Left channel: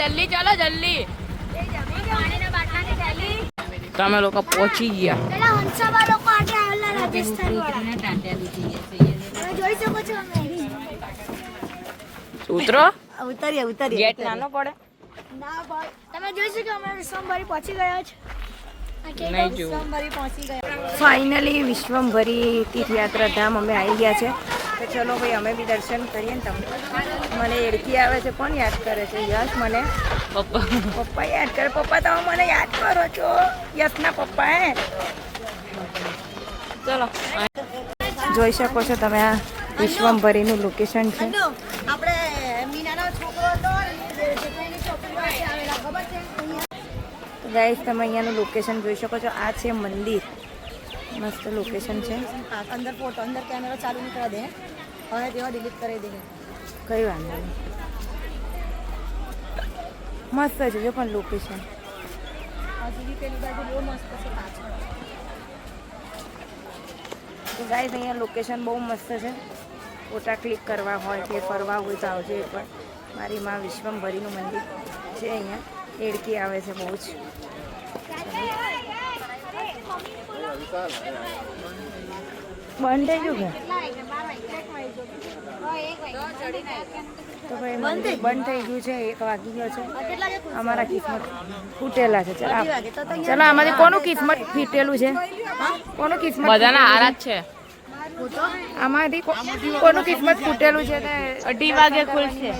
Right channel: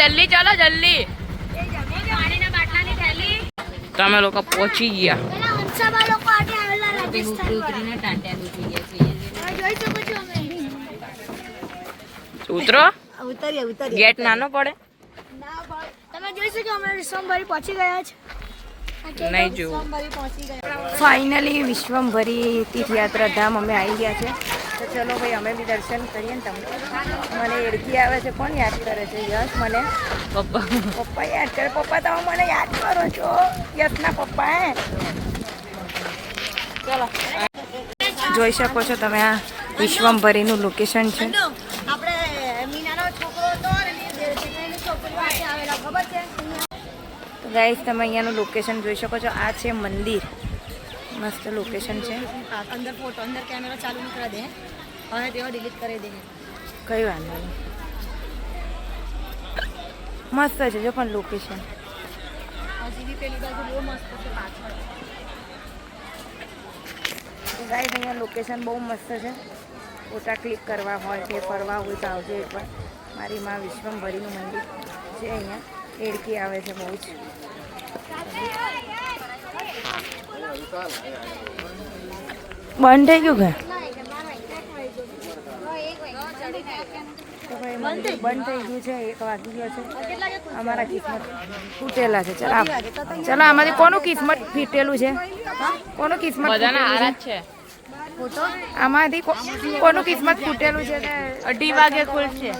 જલ્દી ચાલો જલ્દી. તમે લોકો પહોંચી ગયા. ઉતરો. ઉતરીએ. ગેટ નાનો પડે. તમે જોઈ શકો અમે વિશ્વમભરી પહોંચી ગયા છે. નહીં જોવું. ફાઇનલી વિશ્વમભરી તીર્થયાત્રા ધામ અમે આવી ગયા છે. તો ચલો ભાઈ અમે બી દર્શન કરીએ ને. તમને મને એડકી આવે છે. કોણ યાદ કરે છે? યશ મને પપ્પા યાદ કરે. પપ્પા તમે મને યાદ કરો છો? યશના પપ્પા હે. ચલો જોઈ શકો છો તમે આ વિશ્વમભરીનું લોકેશન છે. તો ગાઈસ તમે અહીંયાનું લોકેશન જોઈ શકો છો. આ છે મંદિર. મસ્ત લોકેશન છે. અંદર ફોટો અંદર કેમેરા ચાલુ નહીં કરી દે. હવે તેઓ ડિલીટ કરી દે. કઈ વાંધો નહીં. મસ્ત છે જો પણ લોકેશન. હજી પેલી બાજુ બહુ મસ્ત છે પાછળ. ગાઈસ અહીંયા લોકેશન બહુ મસ્ત છે. ફોટા ક્લિક કરવા હોય કે ફરવા હોય તો આવજો એકવાર. મારી માં વિશ્વમભરીનું મંદિર છે અહીંયા. એડકી આવે છે બહુ જ. બંધ થઈ ગયું કે? તો ભાઈ મંદિર બંધ થઈ ગયું છે. 1 વાગી ગયો છે. અમારા કિસ્મત ફૂટેલા છે. ચાલો આમાંથી કોનું કિસ્મત ફીટેલું છે? કોનું કિસ્મત બધાના આરાધ છે. આમાંથી કોનું કિસ્મત ફૂટેલું છે? 2:30 વાગે ખુલશે.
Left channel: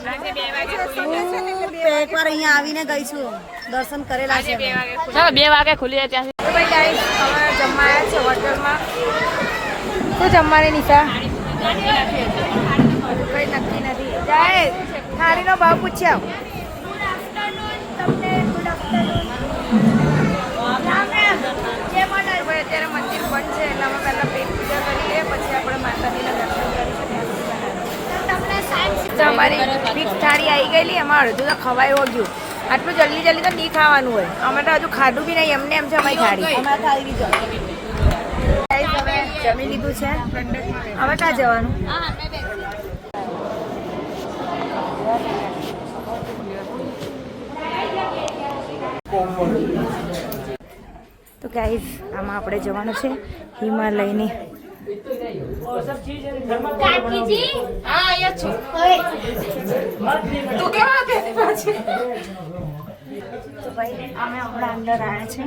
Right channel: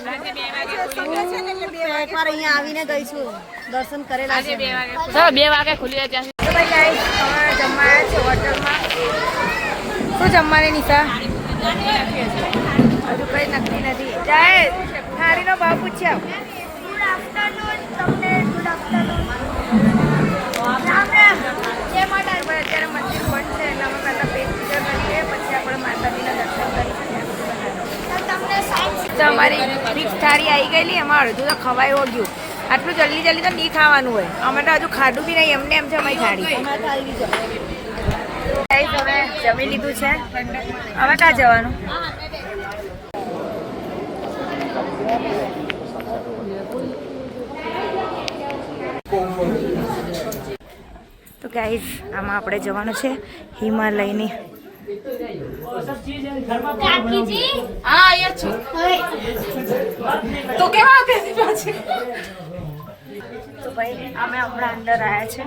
એકવાર અહીંયા આવીને ગઈશું. દર્શન કરેલા છે. ચલો 2 વાગે ખુલી જાય. તો ભાઈ ગાઈસ અમે જમવા આવ્યા છે હોટલમાં. શું જમવાની નિશા? હજુ કઈ નક્કી નથી. જાય થાળીનો ભાવ પૂછ્યા. તમને ગુડ આફ્ટરનૂન. અત્યારે મંદિર બંધ છે એટલે અમે પહેલાં પેટ પૂજા કરીએ પછી આપણે માતાજીના દર્શન કરી શકીએ. તો અમારી ફિક્સ થાળી આવી ગયેલી. એમાં અડધું તો ખવાઈ ગયું. આટલું જલ્દી જલ્દી તો નહીં ખાવાનું હોય. અમે તો હજુ ખાધું બી નહીં. એમને એમ છે અમારી થાળી. હવે જમી લીધું છે. હવે ક્યાં જવાનું? તો ગાઈઝ આમાં આપણે જવાનું છે હિમાલયની. તો ભાઈ અમે હમણાં અંદર આવ્યા છે.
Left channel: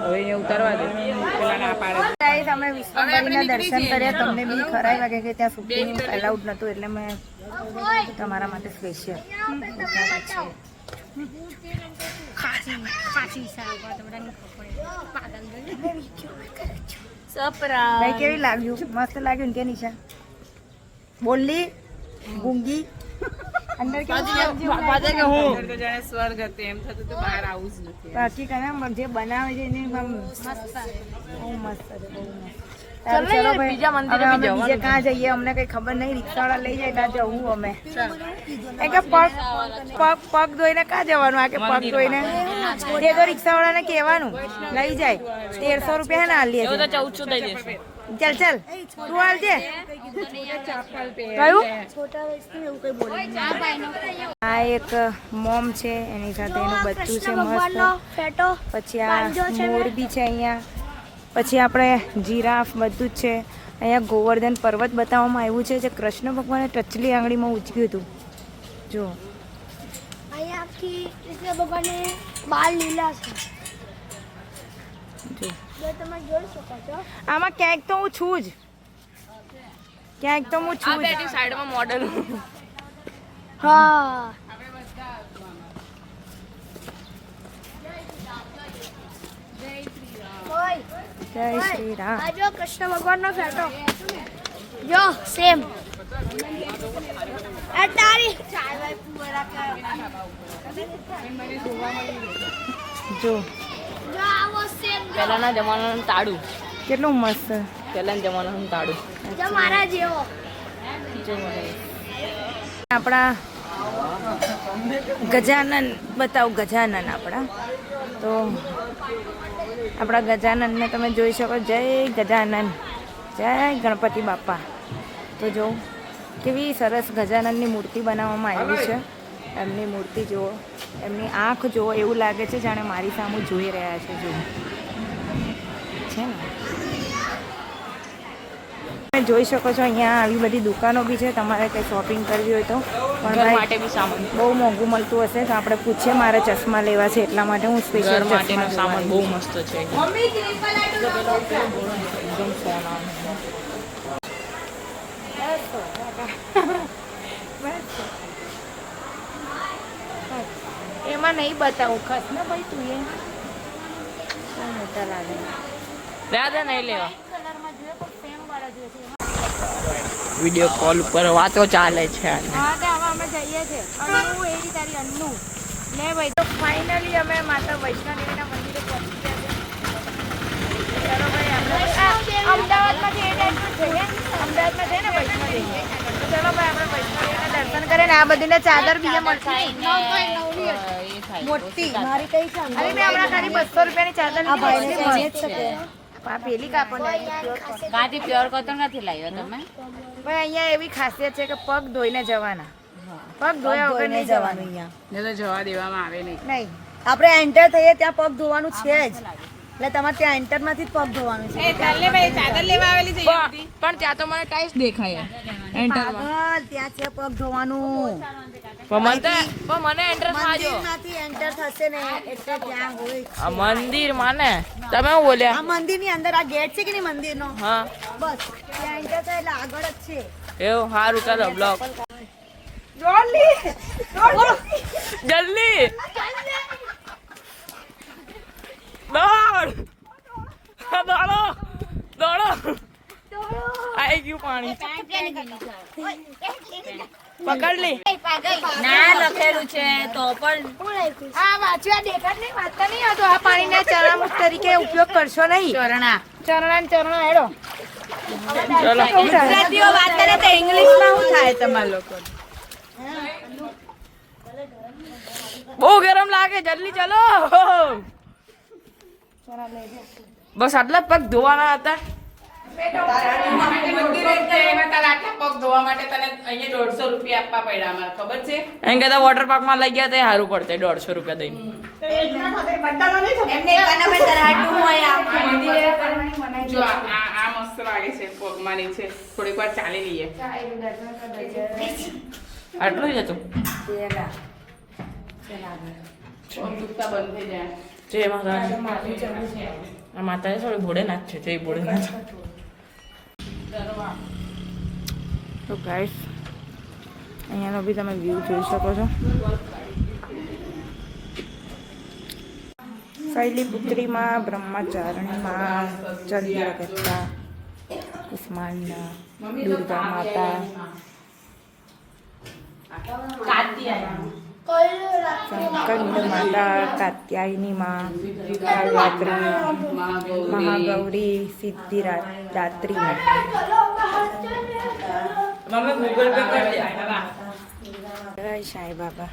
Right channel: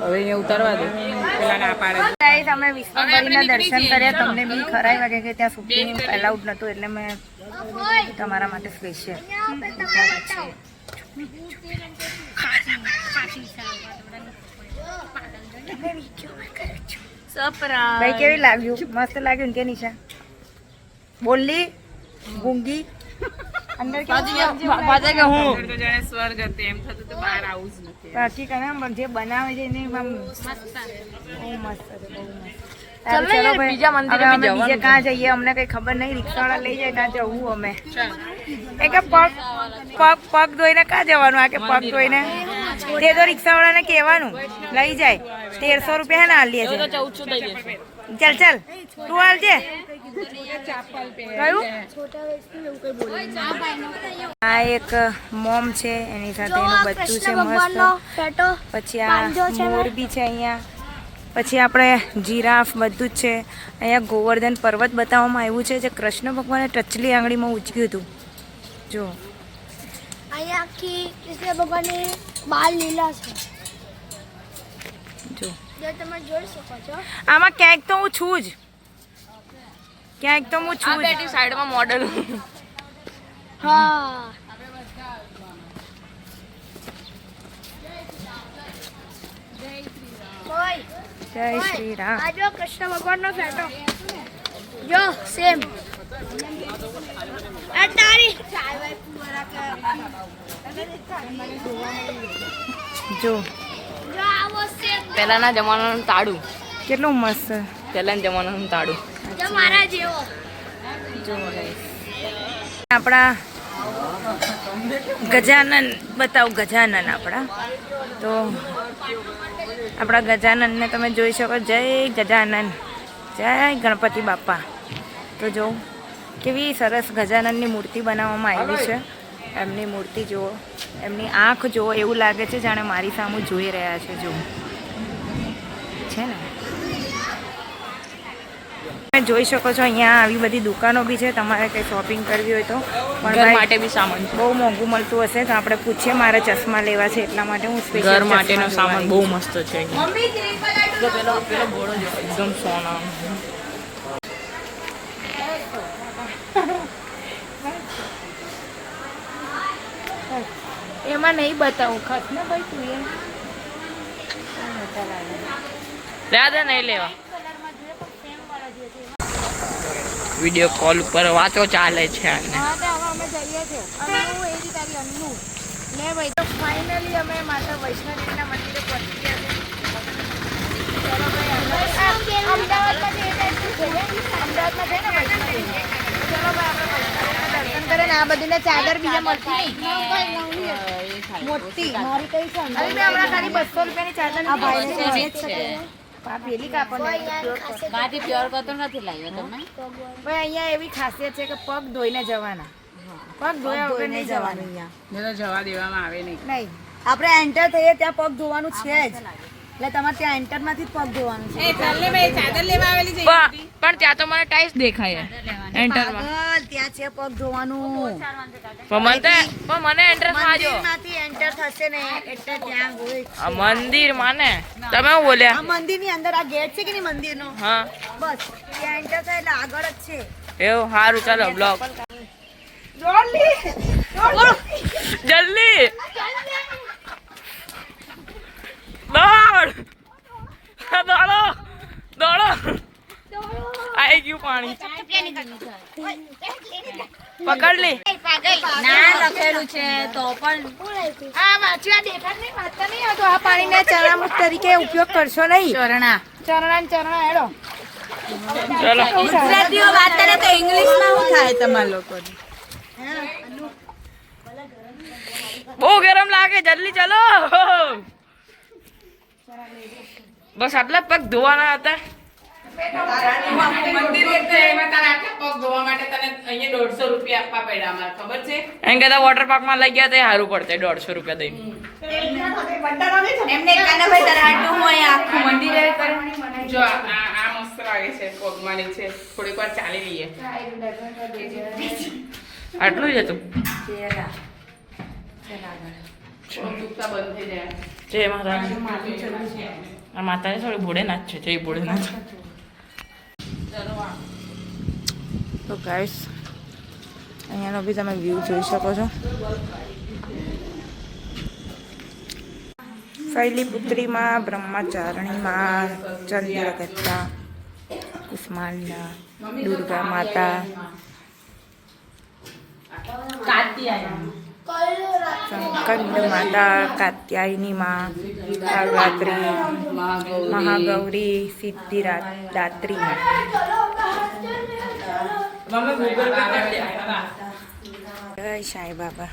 હવે ઉતારવા દે. ગાઈસ અમે વિશ્વમભરીના દર્શન કર્યા. તમને બી ખરાઈ વાગે કે ત્યાં શૂટિંગ એલાઉડ નહોતું એટલે મેં તમારા માટે સ્પેશિયલ. ભાઈ કેવી લાગ્યું? મસ્ત લાગ્યું ને કે નિશા? બોલી ગુંગી અંદર સ્વર્ગ હતી એમ થતું તો બહાર આવું જ નથી. બાકી કને જે બનાવે છે એને આમ બહુ મસ્ત છે. બહુ મસ્ત. સારું ચલો ભાઈ હવે અમે બીજે ક્યાં જઈએ? અમને કઈ ખબર નહીં. રિક્ષાવાળા લઈ જાય ત્યાં જવું અમે. એ કે પગ ધોઈને ક્યાં જવાનું? આ કે પગ ધોઈને તે તો રિક્ષાવાળાને કહેવાનું લઈ જાય. 1300 રૂપિયા ને આલીએ છે. 1400 દઈ દેશે. ચાલ તું હાલજે. આ એક મોમ છે. એની સાથે એનું બચ્ચું છે મસ્ત. પછી આ મોરબી છે અહીંયા. પછી આપણે જીરાફ બધું જ છે અહીંયા. ગોવર્ધન પર્વત બતાવવામાં આવ્યું છે જે કૃષ્ણ ભગવાને ટચલી આંગળીમાં ઉચક્યું હતું. જો કૃષ્ણ ભગવાનને બાલ લીલા છે. જો તમે જોઈ શકો છો. આમાં ક્યાંક તો હું છું જ. ક્યાંક તો હું છું જ. સાઈડમાં મોડલ. હા જય શ્રી રામ. આ જો કૃષ્ણ ભગવાનનો ફોટો જો સેમ. આ તારી જો પહેલાના જમાનાનું તાળું કેટલું મસ્ત. પહેલાના જમાનાનું તાળું. જો આપણા ગજાનન બતાવું, ગજાનન આપણા. તો આપણા ગજાનનને તમે જોઈ શકો. જય ગજાનન, જય ગણપતિ બાપા. તો જો કેવી સરસ ગજાનનની મૂર્તિ બનાવવામાં આવી છે. એમની મૂર્તિ જુઓ, એમની આંખ જુઓ, એવું લાગે છે જાણે મારી સામે જોઈ રહ્યા છે. જુઓ છે ને, તમે જોઈ શકો છો અહીંયા આવી બધી દુકાનો બી છે. તમારે કંઈ શોપિંગ કરવી હોય તો પણ ઘર ભાઈ માટે બી સામાન, બહુ મોંઘું મળતું હશે તો આપણે પૂછીએ. મારે ચશ્મા લેવા છે એટલા માટે હું સ્પેશિયલ ઘર માટેનો ચશ્મા સામાન જોવા બહુ મસ્ત છે. એકદમ સોના. એમાં નહીં બતાવું ખાસ ને ભાઈ, તું એ મોટા લાગે. દાદા નહીં લેવા. વિડીયો કોલ ઉપર વાતો ચાલે છે. હા તો હવે અમે જઈએ છીએ. અન્નુ એવી તારી અન્નુ ને ભાઈ. તો ફાઇનલી અમે માતા વૈષ્ણોદેવીના મંદિરે પહોંચી ગયા છે. ચલો ભાઈ, આપણે અમદાવાદમાંથી એ ટાઈપનું છે. અમદાવાદમાં છે ને વૈષ્ણોદેવી. તો ચલો ભાઈ, આપણે વૈષ્ણોદેવીના દર્શન કરે ને આ બધીને ચાદર બીજે મળતી મોટી મારી કઈ છે હમણાં ખાલી 200 રૂપિયાની ચાદર પેલી કાપડ પ્યોર કોટન નથી લાવ્યો તમે. ભાઈ અહીંયા એવી ખાસિયત છે કે પગ ધોઈને જવાના, પગ ધોયા વગર નહીં જવાનું. અહીંયા જવા દેવામાં આવે નહીં. નહીં, આપણે એન્ટર થઈએ ત્યાં પગ ધોવાનું છે જ. એટલે તમારે ત્યાં એન્ટર માંથી જ પગ ધોવાનું છે. પણ ત્યાં તો મને ટાઈસ દેખાય એન્ટરમાં. પાગલ, ત્યાં છે પગ ધોવાનું. પણ મને એન્ટર થાજો. મંદિરમાંથી એન્ટર થશે ને એટલે ત્યાં હોય. આ મંદિર માને તમે શું બોલ્યા? આ મંદિરની અંદર આ ગેટ છે કે નહીં મંદિરનો, હા બસ ત્યાં એન્ટર થાય એટલે આગળ જ છે. એવું સારું. ચાલો બ્લોગ જલ્દી દોડ દોડો દોડો. આવી ગયું પાણી. પકડ લે. ના લખેલું છે તો પણ આ વાંચવા દેખાડ નહીં, વાંચતા નહીં આવતો. આ પાણીને ચરણામૃત તરીકે ઉપયોગ કરશો નહીં. ચરણા ચરણા હેડો. ચલો વાત કરે તો ઇંગ્લિશમાં શું થાય તમારા લોકો? બહુ ગરમ લાગે. જલ્દી ચલો. બસ આટલા પગ ધોવાના હતા. એમ કહેતા વોટર પાર્ક માં લઈ ગયા તો સારું પડતે. 150 રૂપિયા દઈને. જો આ મસ્ત લાગે છે. પગમાંની છે. થોડીક વાર ચાલી લઈએ. આટલું જ હતું. જય માતાજી. આ માતાજી થોડી ભોળેનાથ છે. જય ભોળેનાથ. તો ગાઈસ અહીંયાનો બી તમે વ્યૂ જોઈ શકો છો. શૈલીપુત્રીમાં, બ્રહ્મચારણીમાં, ચંદ્રગત્તા, કુષ્માંડા, દુર્ગા માતા, સંકંદ માતા, કાત્યાયની માં, કાલરાત્રી, મહાગૌરી, સિદ્ધિદાત્રી. જય સાંઈ બાબા.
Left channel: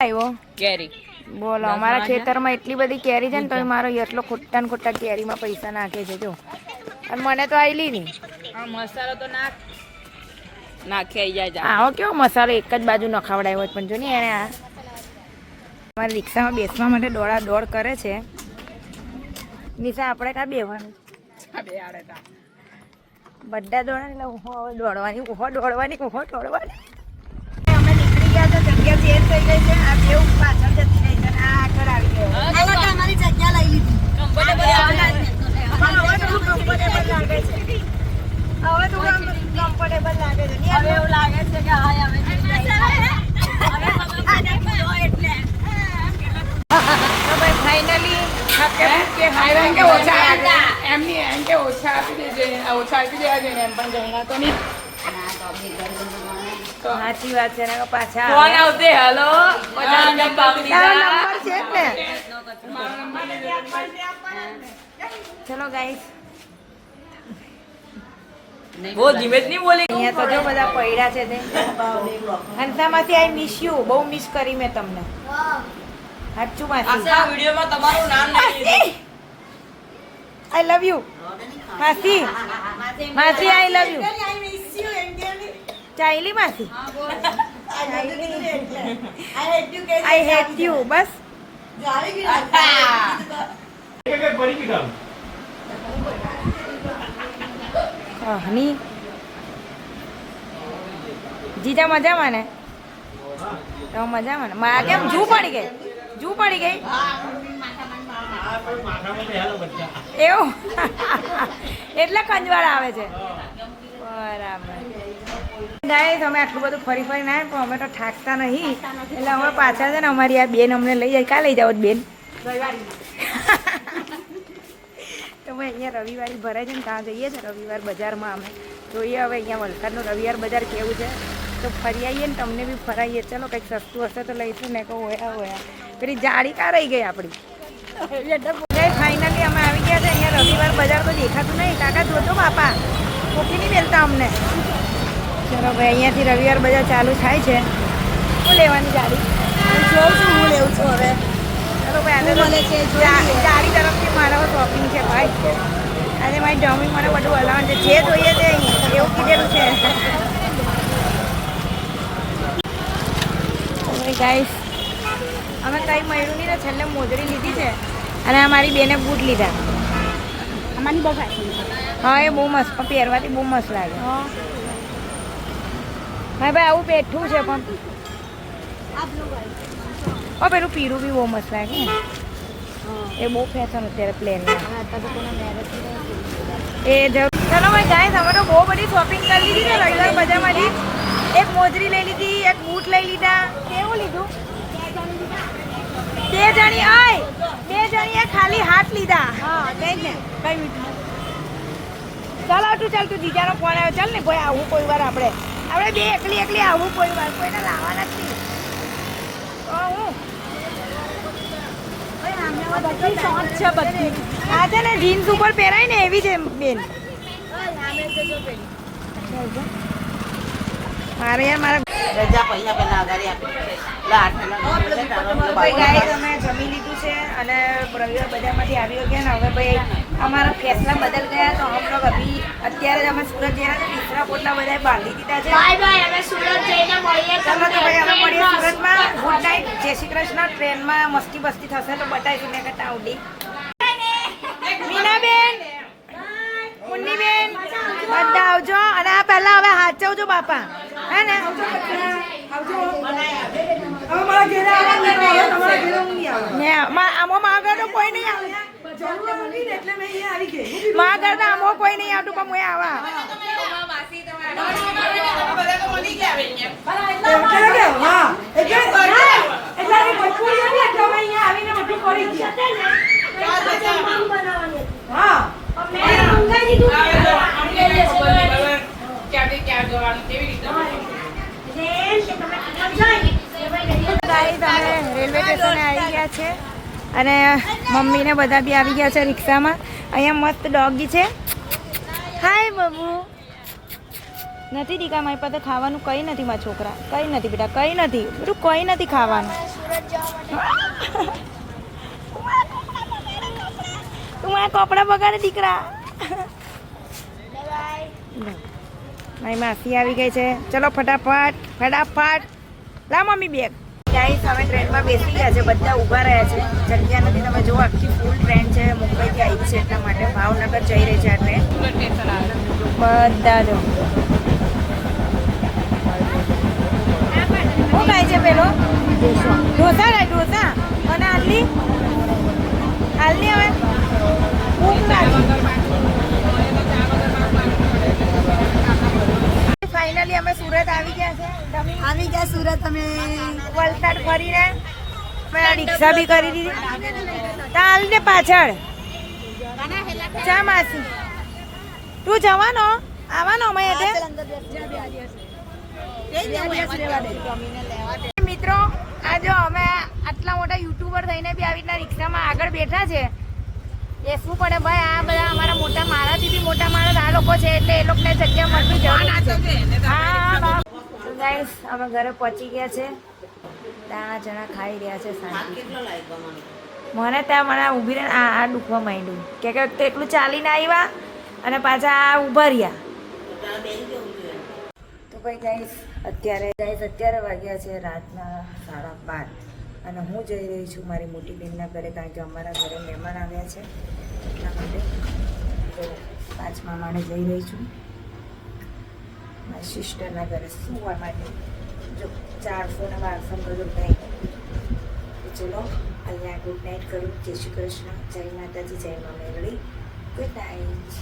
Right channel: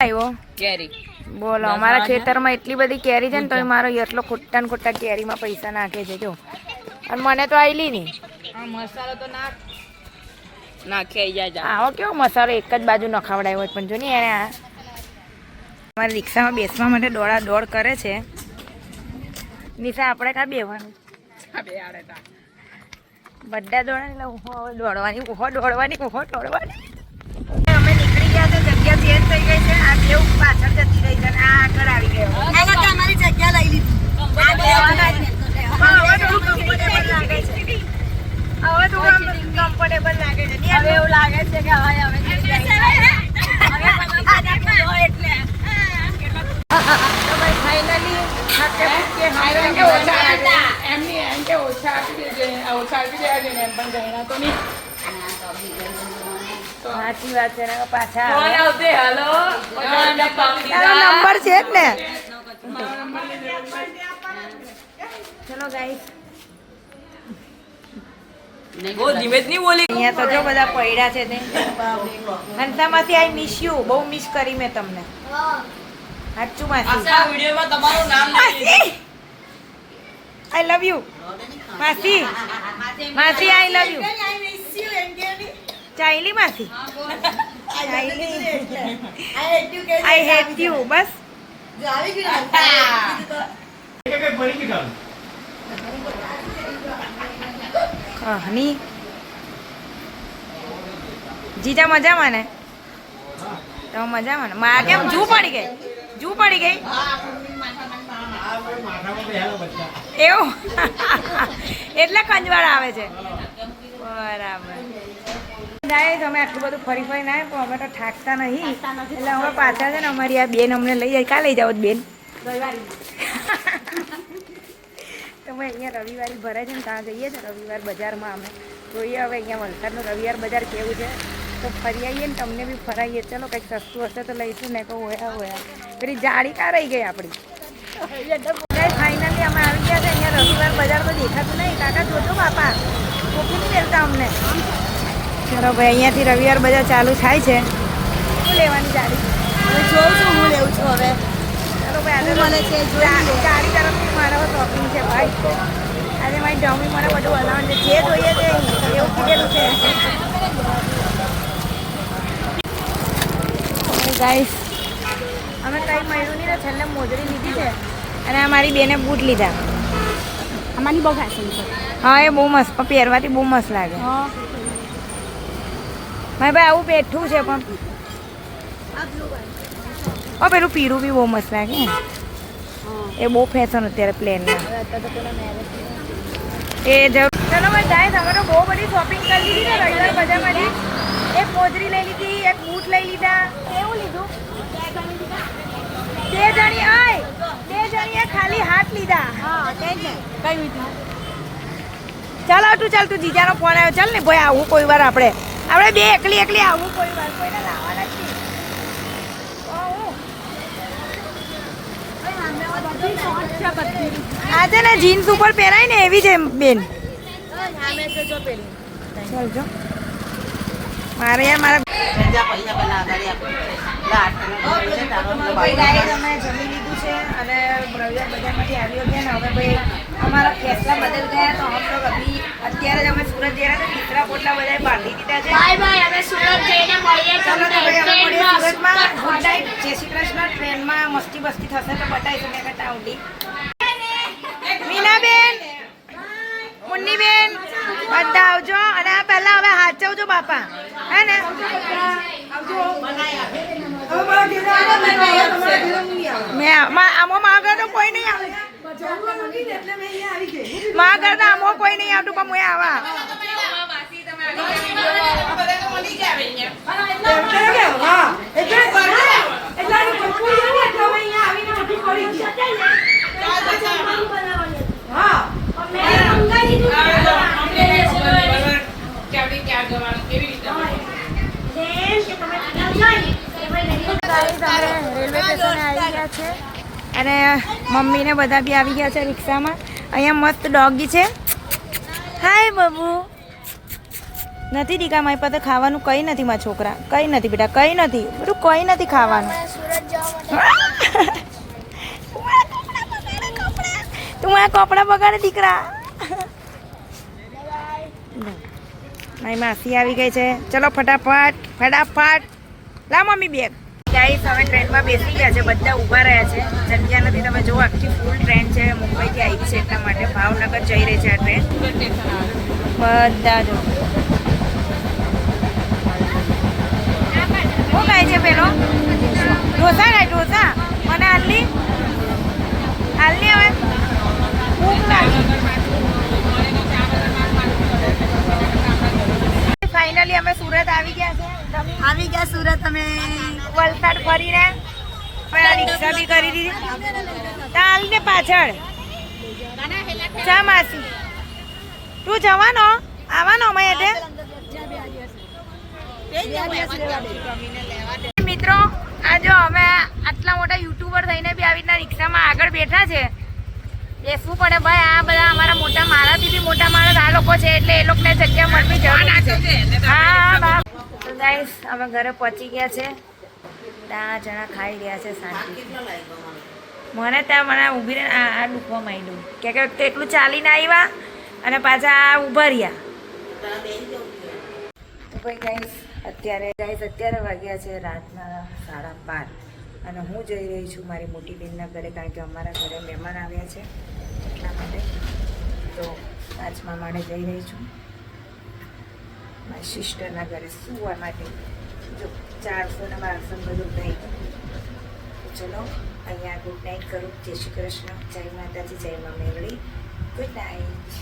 આવ્યો કેરી. બોલો, અમારા ખેતરમાં એટલી બધી કેરી છે ને તો મારો એટલો ખોટા ને ખોટા કેરીમાં પૈસા નાખે છે. જો અને મને તો આવેલી નહીં. મસાલો તો નાખી જાય. આવો કેવો મસાલો એક જ બાજુ નખાવડાયો હોય. પણ જો ને એને અમારી રિક્ષામાં બેસવા માટે દોડા દોડ કરે છે. નિશા આપણે કાં બેવાનું? બધા દોડા એટલે ઊભો હવે દોડવાની, ઊભો દોડવાની, ઊભો દોડવાની. અમે નીકળી ગયા તો જગ્યા ચેન્જ થઈ ગઈ છે. આ કેવું પાછળ જતી રહી છે અને આ આગળ આવી ગયો. તમારી જગ્યા લઈ લીધી. હવે થોડું કમ્ફર્ટેબલ લાગે છે. હવે થોડું કમ્ફર્ટેબલ લાગે છે. હવે એવું લાગે છે કે હવે તો ભાઈ ફાઇનલી સાચી વાત છે. પાછા નંબર છે ને ચલો ગાઈસ અહીંયા તો જો બધા પૈડા છે તે હંસામાંથી આઈ મિસ યુ, બહુ મિસ કરી મેં તમને. સાચું માસી, આઈ લવ યુ માસી. માસી આઈ લવ યુ. ચાઈલી માસી, આઈ હેટ યુ. બસ કહની જીજા મજામાં ને? તો મજામાં ને? માં કેમ જૂ પડી ગઈ? જૂ પડી ગઈ એવું? એટલે કંજવાળ આવે છે. બરાબર. ગાઈસ અમે આટલું બધું ફરી ફરી ના પણ અમે તો થાકતા નહીં, એટલે અમે પાછા છે ને અમારી આ બેન અમને લઈ જાય. ક્યાં લઈ જાઓ બેન? તમે અહીંયા રવિવારી ભરાય છે ને ત્યાં જઈએ છીએ રવિવાર બજારમાં. અમે જોઈએ હવે અહીંયા વલસાડનું રવિવાર બજાર કેવું છે, તો ફરી આવીએ ને તમને બી ફરાઈએ. ચલો કંઈક સસ્તું હશે તો લઈશું ને. કહો હોયા પેલી જાડી કાં રહી ગઈ આપણી. ફાઇનલી અમે આવી ગયા છે અહીંયા રવિવાર બજાર. તો દેખાતું નહીં કાકા, જોજો બાપા કોફી નહીં મેળતા અમને. ચલો ભાઈ અહીંયાથી રવિવાર બજાર ચાલુ થાય છે. શું લેવાની જાડી? હું જોઉં છું, હું લેવું છું હવે. ચલો ભાઈ આગળ મળે છે. જાડી તરફથી મારા શોપિંગ છે ભાઈ. આજે મારી જમી મને બધું હલાવવાનું છે, જે જોઈએ તે એવું કીધેલું છે. ગાઈસ અમે કંઈ મળ્યું નહીં ને છેલ્લે મોજડી લીધી છે અને અમારી બેને બૂટ લીધા. અમારી બહુ ખાસી છે. હા એ બહુ મસ્ત, પહેરવાથી બહુ મસ્ત લાગે. હા ભાઈ આવું બેઠું છે પણ પેલું પીરું બી બહુ મસ્ત લાગે ને. એ બહુ ફેશન અત્યારે પ્લેનમાં. એ જરૂર. ચલો ભાઈ ગાઈસ અમે તો બહુ બધી શોપિંગ કરી લીધી છે રવિવાર બજારમાંથી. એક મોજરી લઈ લીધી, એક બૂટ લઈ લીધા. કેવું લીધું? 2 જણી આય 2 જણીએ ખાલી હાથ લીધા. ચાલ તું જીજાનો ફોન આવ્યો. ચાલ ને ભાઈ આવું કોઈ વાર આપણે બે એકલી આવું કોઈ વાર. કોઈને લાવવાના જ નહીં. તો હું આ છે ને જીન્સ ઉપર પહેરાય ને એવી છે બેન. મારે યાર મારા અમે જમી લીધું છે અને રવિવાર બજારમાંથી આવી ગયા ને. હવે ભાઈ અમારા ફેસલા બદલ ગયા તો હમ લોગ અભી અત્યારે જ અમે સુરત જઈ રહ્યા હતા. તીસરા પોટલા બધા બાંધી દીધા છે. બાય બાય, અમે સુરત જઈને મળીએ. ચાલો તો ભાઈ અમે મળીએ સુરતમાં. ગુડ નાઇટ, જય શ્રી કૃષ્ણ. ટ્રેનમાં મસ્તી બસ્તી થશે તો બતાવીશું મેં કરતા આવડી. મીનાબેન, મુન્નીબેન બધા આવજો. અને આ પહેલા હવે હાચવજો બાપા, હે ને? આમાં આગળ તો કોઈ નહીં આવે. માં આગળ આમાં કોઈ નહીં આવતું પણ હું આવા. અમે રેલવે સ્ટેશને આવી ગયા છે અને મમ્મીને બધા બી આવી ગયા છે રિક્ષામાં. અહીંયા મસ્ત ડોગી છે. હાય બાબુ. નથી દીકા મારી પાસે ખાવાનું કંઈ નથી. મારા છોકરા કંઈ નથી બેટા, કંઈ નથી બધું, કંઈ નથી ખાવાનું. તું આ કપડાં બગાડે દીકરા. મારી માસી આવી ગઈ છે. ચલો ફટાફટ લા મમ્મી બેગ. ગાઈસ અમે ટ્રેનમાં બેસી ગયા છે, બધા ઊભા રહ્યા છે. જગ્યા નથી. તમે જુઓ આખી ફૂલ ટ્રેન છે. મુંબઈથી આવી છે એટલા માટે. ભાવનગર જઈ રહી છે આ ટ્રેન. બધા જ શું ખાય છે પેલો? ઢોસા ખાય. ઢોસા મને હાલની હવે ભૂખ લાગી. ફાઇનલી અમે સુરત આવી ગયા છે. આવી ગયા સુરત અમે. વલસાડ ફરીને રિક્ષા બી કરી દીધી. ચાલ ને પાછળ ચા માસી તું જવાનો આવવાનો અમે એટલે. મિત્રો આ જો અમે આટલા મોટા યુટ્યુબર થઈને બી આવી રીતના રિક્ષામાં આગળ બેઠા છે. બેસવું પડે ભાઈ. આ બધા અમારા મોટા મારાથી બી મોટા માણસ આ લોકો છે એટલે એ લોકોને જગ્યા મળવી જરૂરી છે. હા તો ગાઈસ અમે ઘરે પહોંચી ગયા છે. ત્યાં જણા ખાઈ રહ્યા છે શાંતિ. મને ત્યાં મને ઊભી રહીને આ દુખવા માંડ્યું કે તો એટલું ચાલીને આવ્યા અને પાછા ઊભા રહ્યા. તો ભાઈ ગાઈસ અત્યારે વાગ્યા છે રાતના 12:30 અને હું જઈ રહી છું મારી મોટી બહેનના ઘરે, કારણ કે અમારા ઘરે મહેમાન આવ્યા છે એટલા માટે. તો 5મા માળે જઈ રહી છું મારી સિસ્ટરના ઘરે સુવા માટે. જો 400 ને 1200 બધું કંઈ. ચલો અહીંયા ગુડ નાઇટ કરું. જય શ્રી કૃષ્ણ, જય માતાજી, જય મા મેલડી. Good night.